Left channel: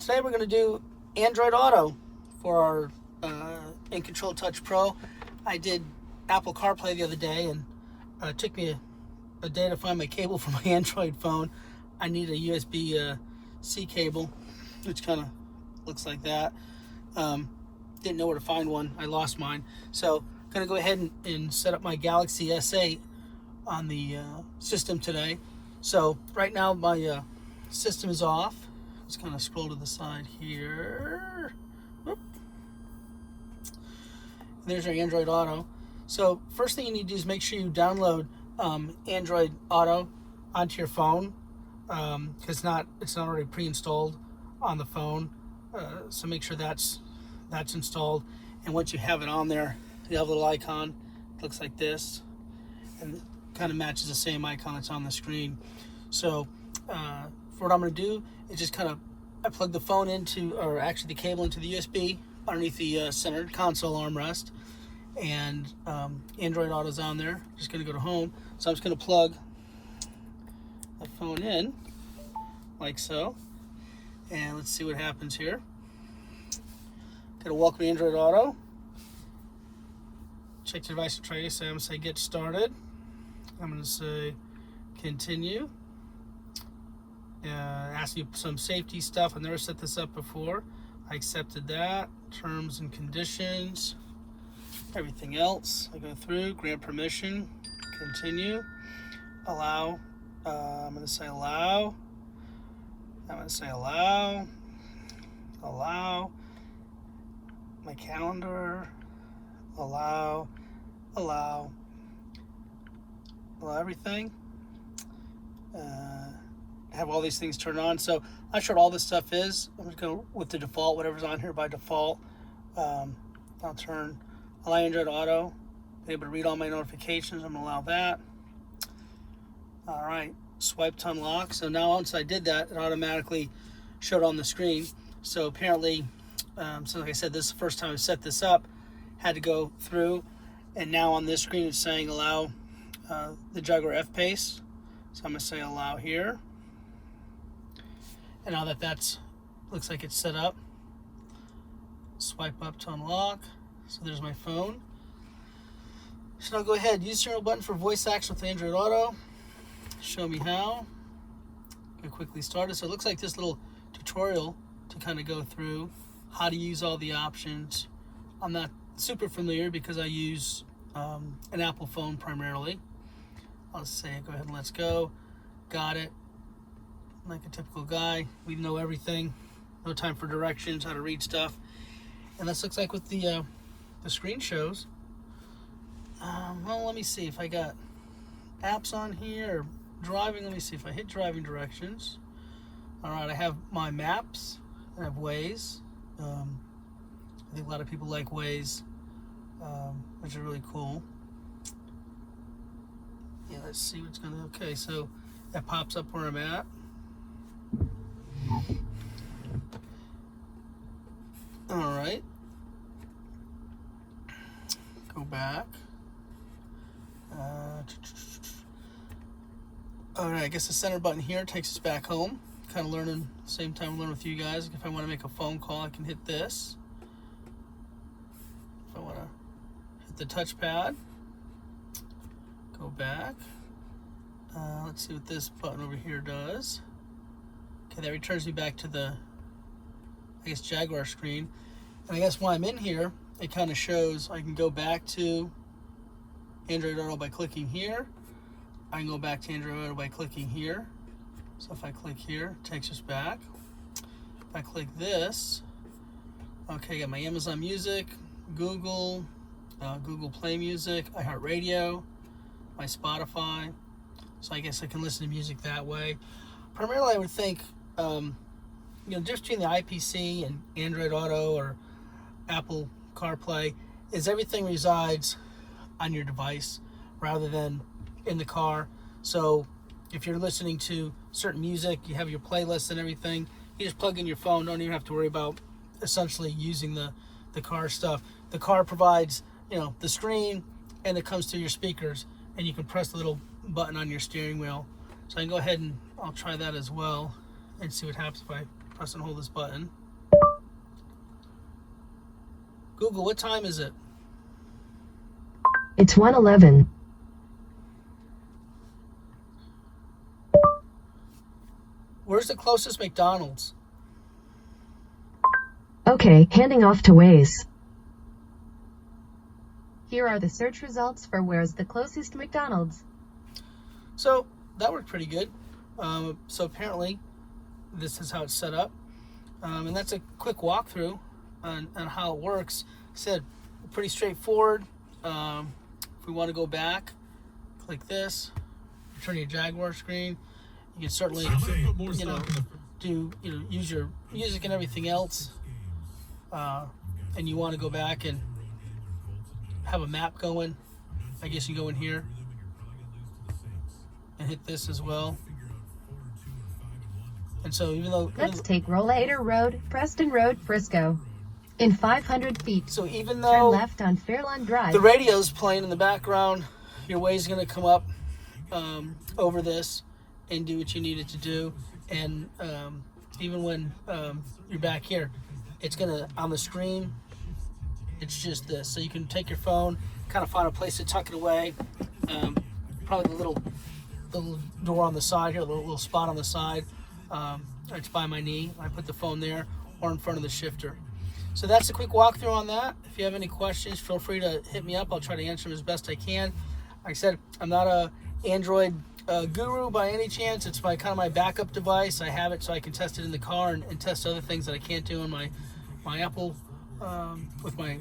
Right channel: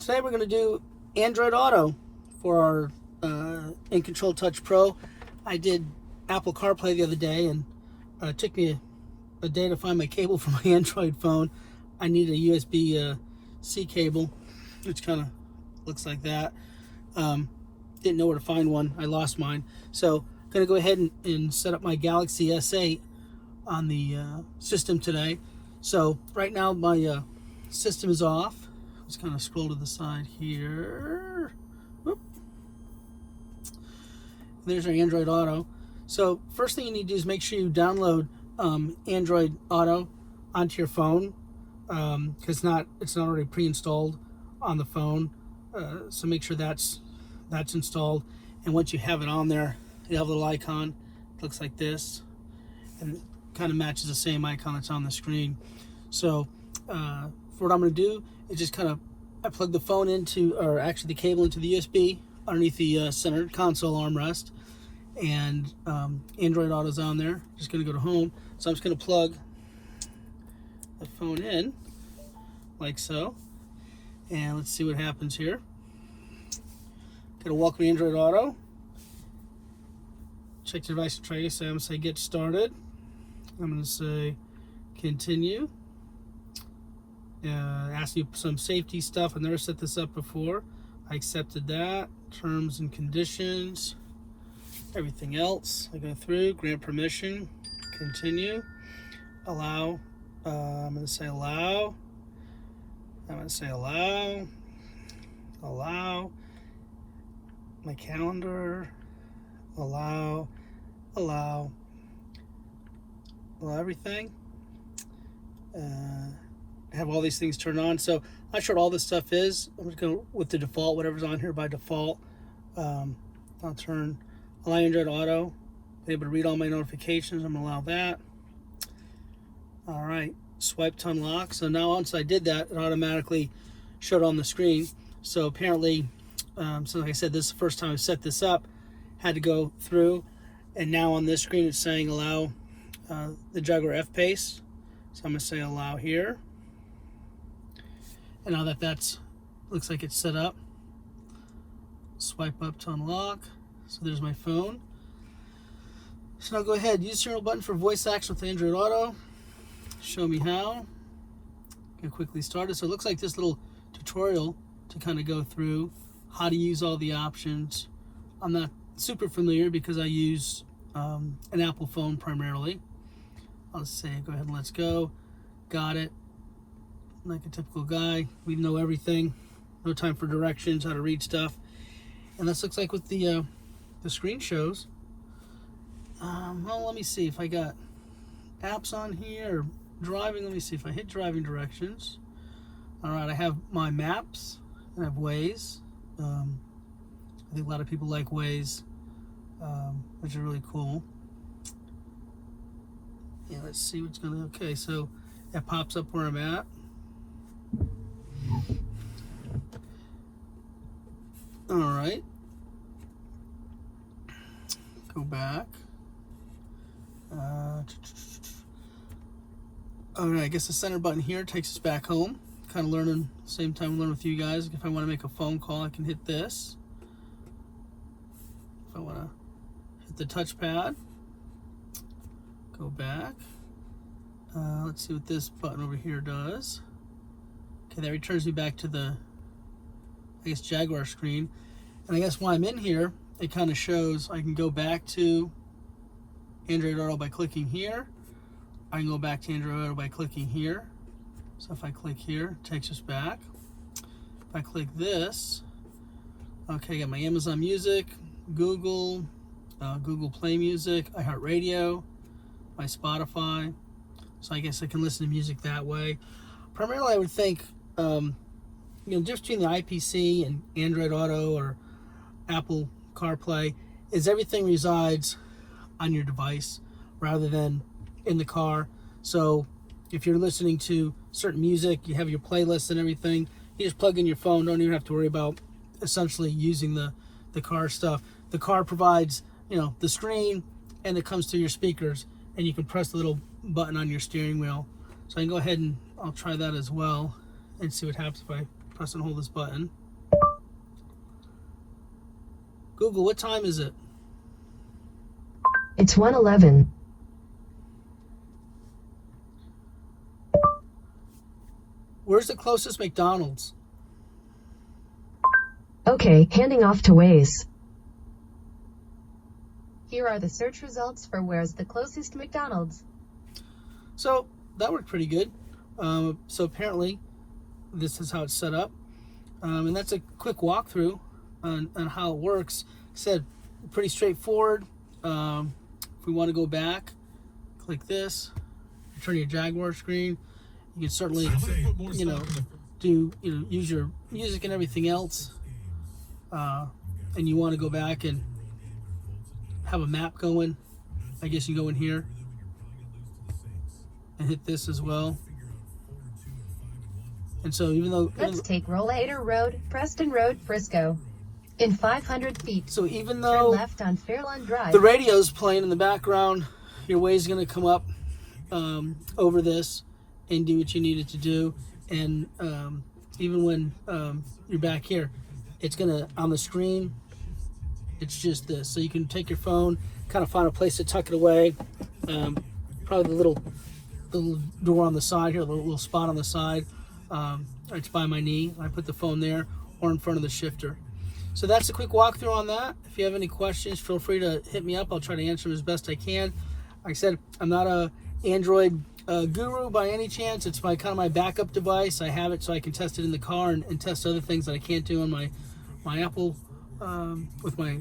Today we're going to do Android Auto for our In Control Touch Pro. I did Apple CarPlay the other day, and it took me a day to find my cable for my Android phone. I need a USB-C cable, which kind of looks like that. Didn't know where to find one. I lost mine. So I'm going to go ahead and set up my Galaxy S8 on the system today. So right now my system is off. Let's kind of scroll to the side here. Whoop. There's our Android Auto. So first thing you need to do is make sure you download Android Auto onto your phone, because it's not already pre-installed on the phone. So make sure that's installed. And once you have it on there, you have a little icon. It looks like this, and it kind of matches the same icon that's on the screen. So for what I'm going to do is just I plug the phone into, or actually the cable into the USB underneath the center console armrest, and Android Auto's on there. Just going to go to home. So I'm just going to plug the phone in like so, and let's see what happens here. Going to welcome Android Auto. Check your device and try. So I'm going to say get started. I'm going to say continue. Ask you some safety stuff. I've never set this up before. I accepted that. Terms and conditions. Everything else. I go through. Grant permission. Continue. Allow. I'm going to say allow. I'm going to say allow. Allow. My calendar. Allow. Allow. Allow everything. Have all these things turned on. So I'm not sure what all this stuff is. I'm just going to go with the default, whatever's on here by default. I'll turn allow Android Auto. Be able to read all my notifications. I'm going to allow that. All right, swipe to unlock. So now once I did that, it automatically showed on the screen. So apparently, so like I said, this is the first time I set this up. Had to go through, and now on this screen it's saying allow the Jaguar F-Pace. So I'm going to say allow here. And now that's looks like it's set up, swipe up to unlock. So there's my phone. So now go ahead, use the serial button for voice action with Android Auto. Show me how. Get quickly started. So it looks like this little tutorial to kind of go through how to use all the options. I'm not super familiar because I use an Apple phone primarily. I'll say go ahead and let's go. Got it. Like a typical guy, we know everything. No time for directions, how to read stuff. And this looks like what the screen shows. Well, let me see if I got apps on here or driving. Let me see if I hit driving directions. All right, I have my maps. I have Waze. I think a lot of people like Waze, which is really cool. Yeah, let's see what's gonna. Okay, so it pops up where I'm at. All right, go back. All right, I guess the center button here takes us back home. Kind of learning, same time I'm learning with you guys. If I want to make a phone call, I can hit this. If I want to hit the touchpad, go back. Let's see what this button over here does. Okay, that returns me back to the, I guess, Jaguar screen. And I guess when I'm in here, it kind of shows I can go back to Android Auto by clicking here. I can go back to Android Auto by clicking here. So if I click here, it takes us back. If I click this, okay, I got my Amazon Music, Google, Google Play Music, iHeartRadio, my Spotify. So I guess I can listen to music that way. Primarily, I would think, just between the IPC and Android Auto or Apple CarPlay is everything resides on your device rather than in the car. So if you're listening to certain music, you have your playlist and everything, you just plug in your phone, don't even have to worry about essentially using the car stuff. The car provides, the screen, and it comes to your speakers, and you can press the little button on your steering wheel. So I can go ahead and I'll try that as well and see what happens if I press and hold this button. Google, what time is it? It's 1:11. Where's the closest McDonald's? Okay, handing off to Waze. Here are the search results for where's the closest McDonald's. So that worked pretty good. So apparently this is how it's set up. And that's a quick walkthrough on how it works. Like I said, pretty straightforward. If we want to go back, click this, turn your Jaguar screen. You can certainly, use your music and everything else. And you want to go back and have a map going. I guess you go in here and hit this as well. And so even though... Let's take Rollator Road, Preston Road, Frisco. In 500 feet. So even turn though left on Fairlawn Drive. the radio's playing in the background, your Waze is going to come up over this and do what you need it to do. And even when you're back here, it's going to, on the screen, it's just this. So you can take your phone, kind of find a place to tuck it away. Probably the little door on the side here, the little spot on the side. It's by my knee. I put the phone there or in front of the shifter. So that's a quick walkthrough on that. If you have any questions, feel free to hit me up. I'll try to answer them as best I can. Like I said, I'm not a Android guru by any chance. It's kind of my backup device. I have it so I can test it in the car and test other things that I can't do on my Apple with my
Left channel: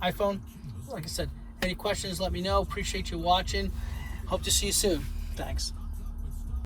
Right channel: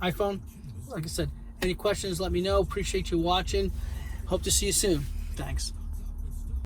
iPhone. Like I said, any questions, let me know. Appreciate you watching. Hope to see you soon. Thanks.